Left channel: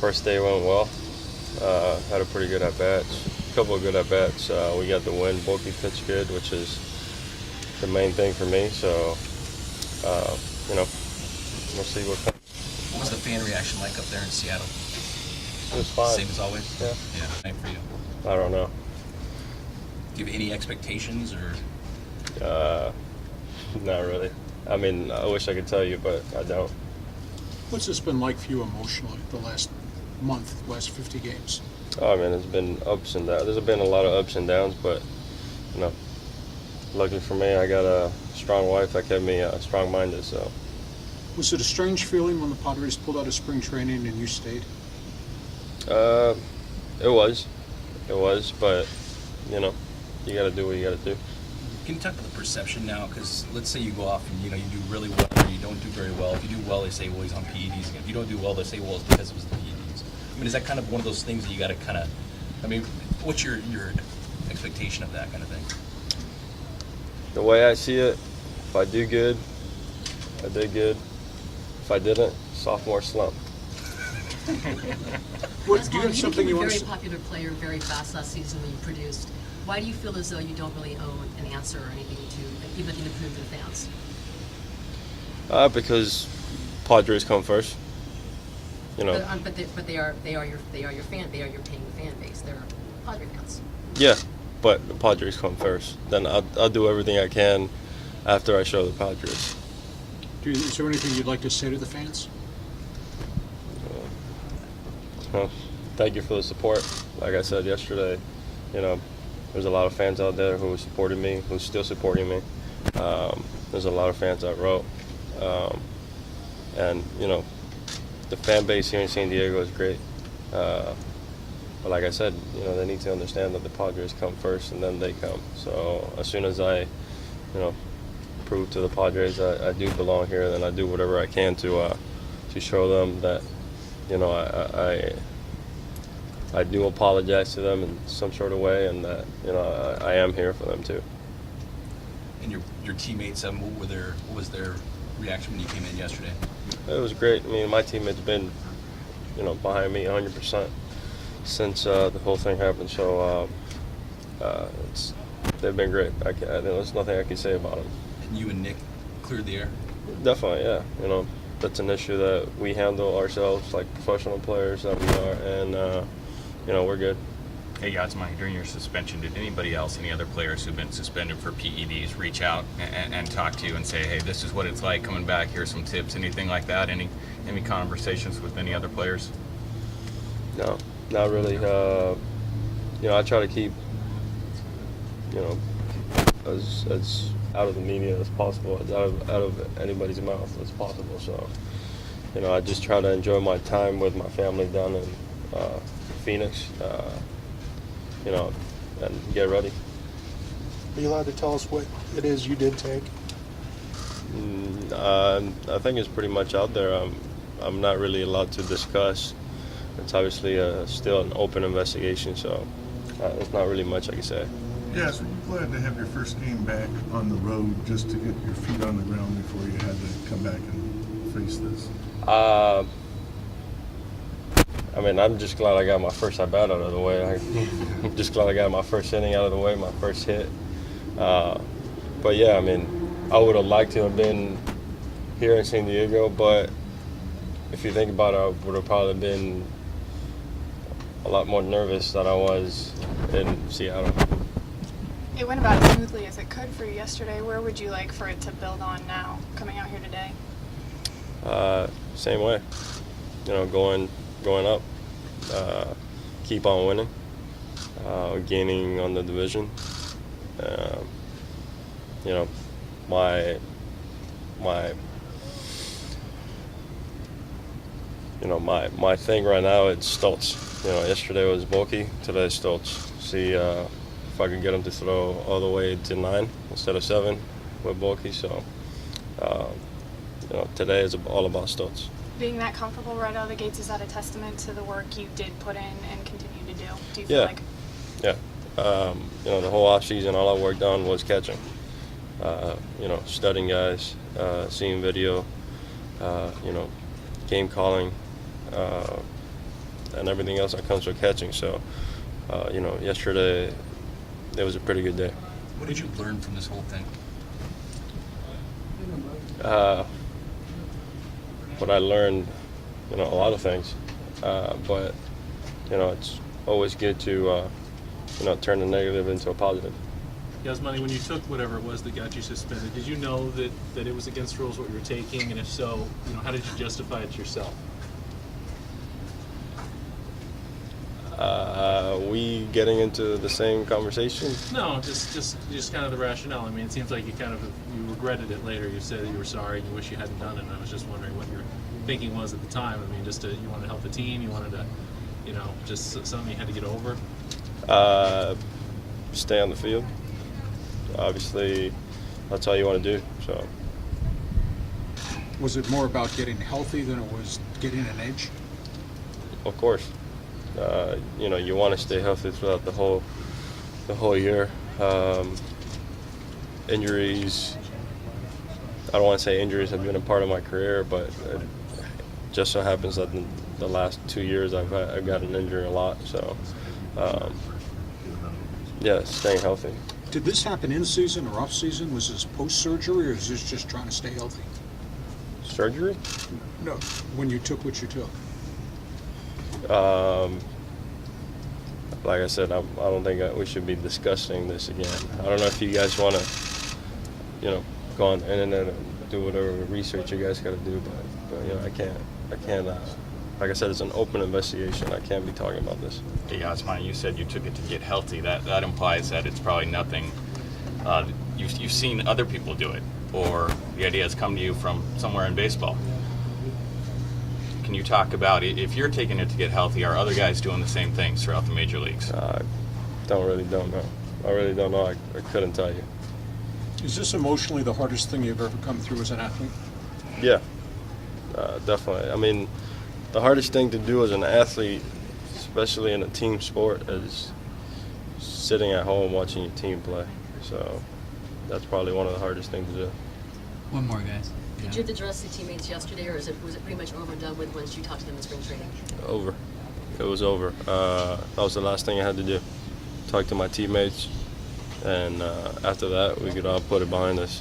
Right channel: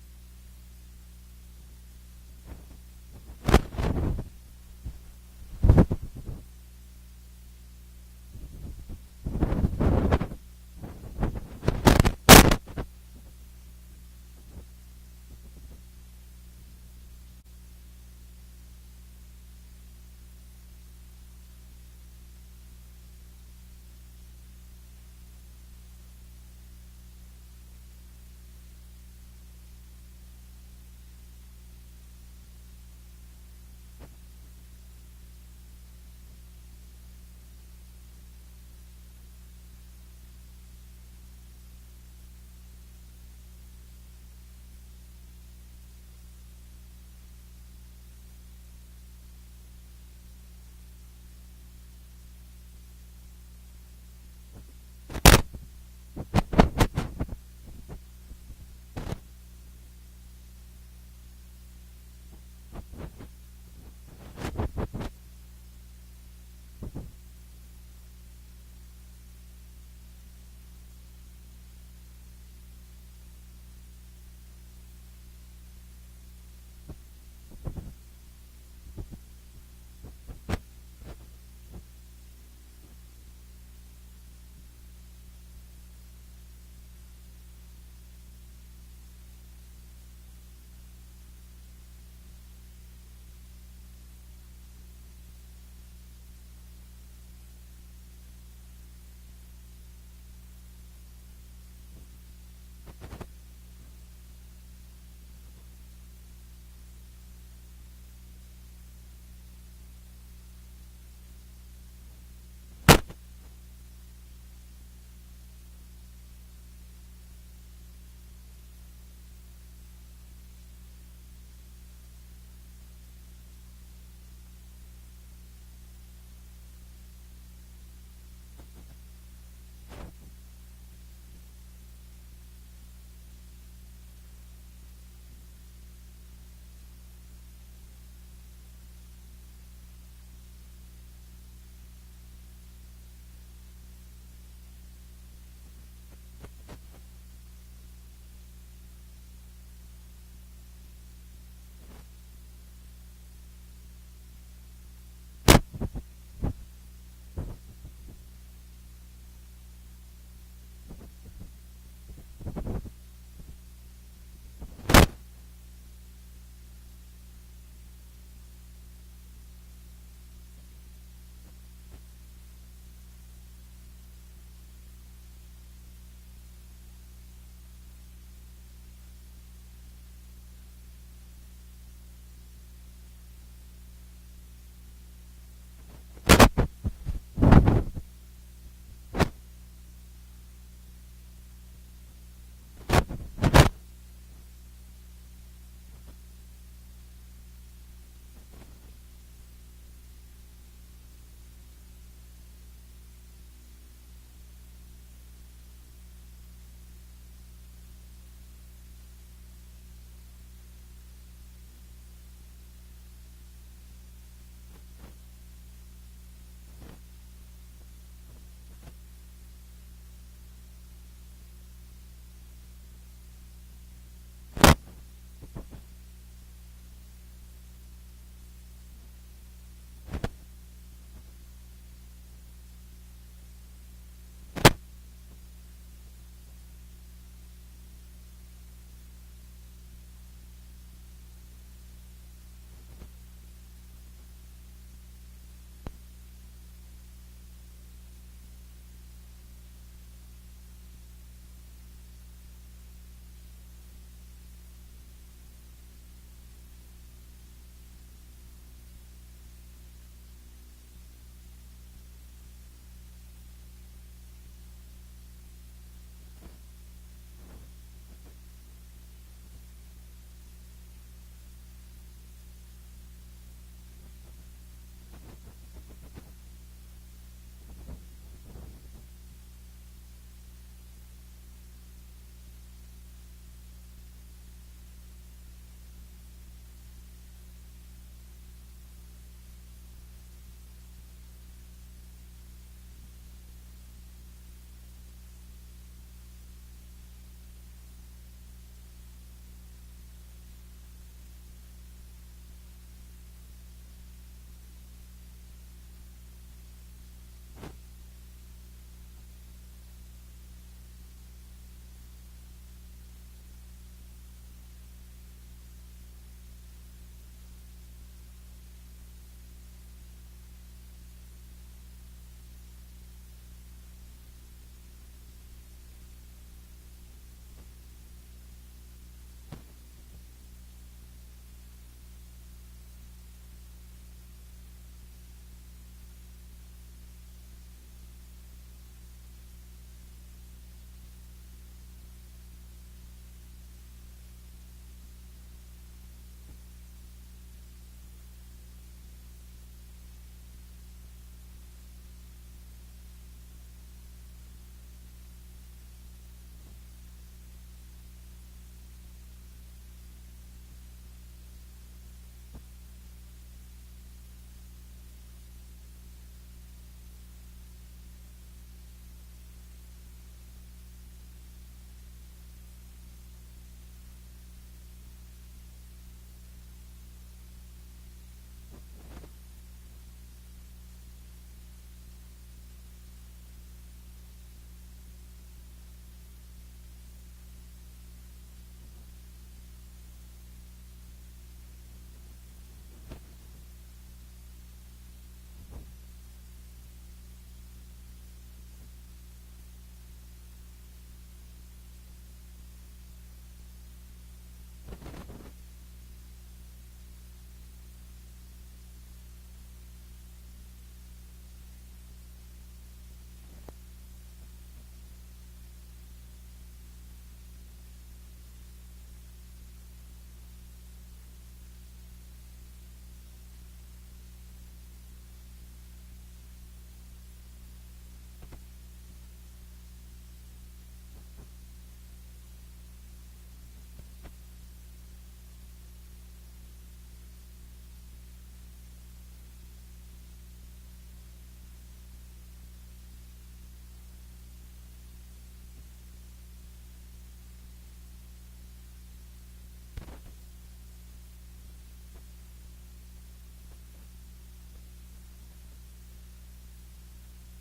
First day went well. Had a pretty good at-bats, a couple of good at-bats. We got the win. Bulky pitched good, which is the main thing for me. So, we'll see what comes. What was the fan reaction like up there in Seattle? It was fine. Same as always? Yeah. Yeah, same for you. I don't know. Do you have any expectations or? Not really. I mean, I wish I could tell you, but I don't. What's this been like for you emotionally the last month, last 50 games? Oh, man, it's been ups and downs. There's been a lot of ups and downs, but, luckily for me, I got a strong wife that kept me strong-minded, so. Was it a strange feeling when the Padres pulled out of spring training and you stayed? It was, but, you got to do what you got to do. Can you talk about the perception now? Because let's say you go off and you do really well, or you don't do very well. If you do well, they say, well, he's on PEDs. If you don't do well, they say, well, it's because it was the PEDs. I mean, is that kind of one of those things that you got to kind of? I mean, what's your expectation of that kind of thing? The way I see it, if I do good, I did good. If I didn't, sophomore slump. What, do you have something you want to became a say? very popular player very fast last season when you produced. Why do you feel as though you don't really own an answer or anything to even prove to the fans? Because Padres come first. But they are your fan. They are your paying fan base. They're Padre fans. Yeah, but the Padres come first. Then I'll do everything I can after I show the Padres. Is there anything you'd like to say to the fans? Well, thank you for the support. Like I said yesterday, there's a lot of fans out there who supported me, who's still supporting me. There's a lot of fans that wrote. And, the fan base here in San Diego is great. But like I said, they need to understand that the Padres come first and then they come. So as soon as I, prove to the Padres I do belong here, then I do whatever I can to show them that, I do apologize to them in some sort of way, and that I am here for them too. And your teammates, what was their reaction when you came in yesterday? It was great. I mean, my teammates been, behind me 100% since the whole thing happened. So they've been great. There's nothing I can say about them. And you and Nick cleared the air? Definitely, yeah. That's an issue that we handle ourselves like professional players that we are, and we're good. Hey, Yasmani, during your suspension, did anybody else, any other players who've been suspended for PEDs, reach out and talk to you and say, hey, this is what it's like coming back, here's some tips, anything like that? Any conversations with any other players? No, not really. I try to keep, as out of the media as possible, as out of anybody's mouth as possible. So, I just try to enjoy my time with my family down in Phoenix, and get ready. Are you allowed to tell us what it is you did take? I think it's pretty much out there. I'm not really allowed to discuss. It's obviously still an open investigation, so there's not really much I can say. Yeah, so you're glad to have your first game back on the road just to get your feet on the ground before you had to come back and face this? I'm just glad I got my first at-bat out of the way. I'm just glad I got my first inning out of the way, my first hit. But yeah, I would have liked to have been here in San Diego, but if you think about it, I would have probably been a lot more nervous than I was in Seattle. It went about as smoothly as it could for you yesterday. Where would you like for it to build on now, coming out here today? Same way. Going up, keep on winning, gaining on the division. My thing right now, it's Stoltz. Yesterday was Bulky, today is Stoltz. See if I can get him to throw all the way to 9 instead of 7 with Bulky. So, today is all about Stoltz. Being that comfortable right out of the gates, is that a testament to the work you did put in and continue to do? Do you feel like? Yeah. The whole offseason, all I worked on was catching. Studying guys, seeing video, game calling, and everything else that comes with catching. So, yesterday it was a pretty good day. What did you learn from this whole thing? What I learned, a lot of things, but it's always good to turn the negative into a positive. Yasmani, when you took whatever it was that got you suspended, did you know that it was against rules what you were taking, and if so, how did you justify it to yourself? We getting into the same conversation? No, just kind of the rationale. I mean, it seems like you regretted it later. You said that you were sorry and you wish you hadn't done it. And I was just wondering what your thinking was at the time. I mean, you wanted to help the team. You wanted to, just something you had to get over. Stay on the field. Obviously, that's all you want to do. So, Was it more about getting healthy than it was getting an edge? of course, you want to stay healthy throughout the whole year. Injuries. I don't want to say injuries have been a part of my career, but it just so happens that in the last 2 years I've got an injury a lot. So, staying healthy. Did this happen in season or off season? Was this post surgery, or is this just trying to stay healthy? Surgery? No, when you took what you took. Like I said, I don't think we should be discussing this again. I don't know if you guys want to, go on the internet and do whatever research you guys got to do, but I can't. Like I said, it's an open investigation. I can't be talking about this. Yeah, Yasmani, you said you took it to get healthy. That implies that it's probably nothing. You've seen other people do it, or the idea has come to you from somewhere in baseball. Can you talk about if you're taking it to get healthy, are other guys doing the same things throughout the major leagues? I don't know. I really don't know. I couldn't tell you. Is this emotionally the hardest thing you've ever come through as an athlete? Yeah, definitely. I mean, the hardest thing to do as an athlete, especially in a team sport, is sitting at home watching your team play. So that's probably one of the hardest things to do. One more, guys. Did you address the teammates yesterday, or was it pretty much over and done with once you talked to them in spring training? Over. It was over. That was the last thing I had to do. Talk to my teammates, and after that, we could all put it behind us.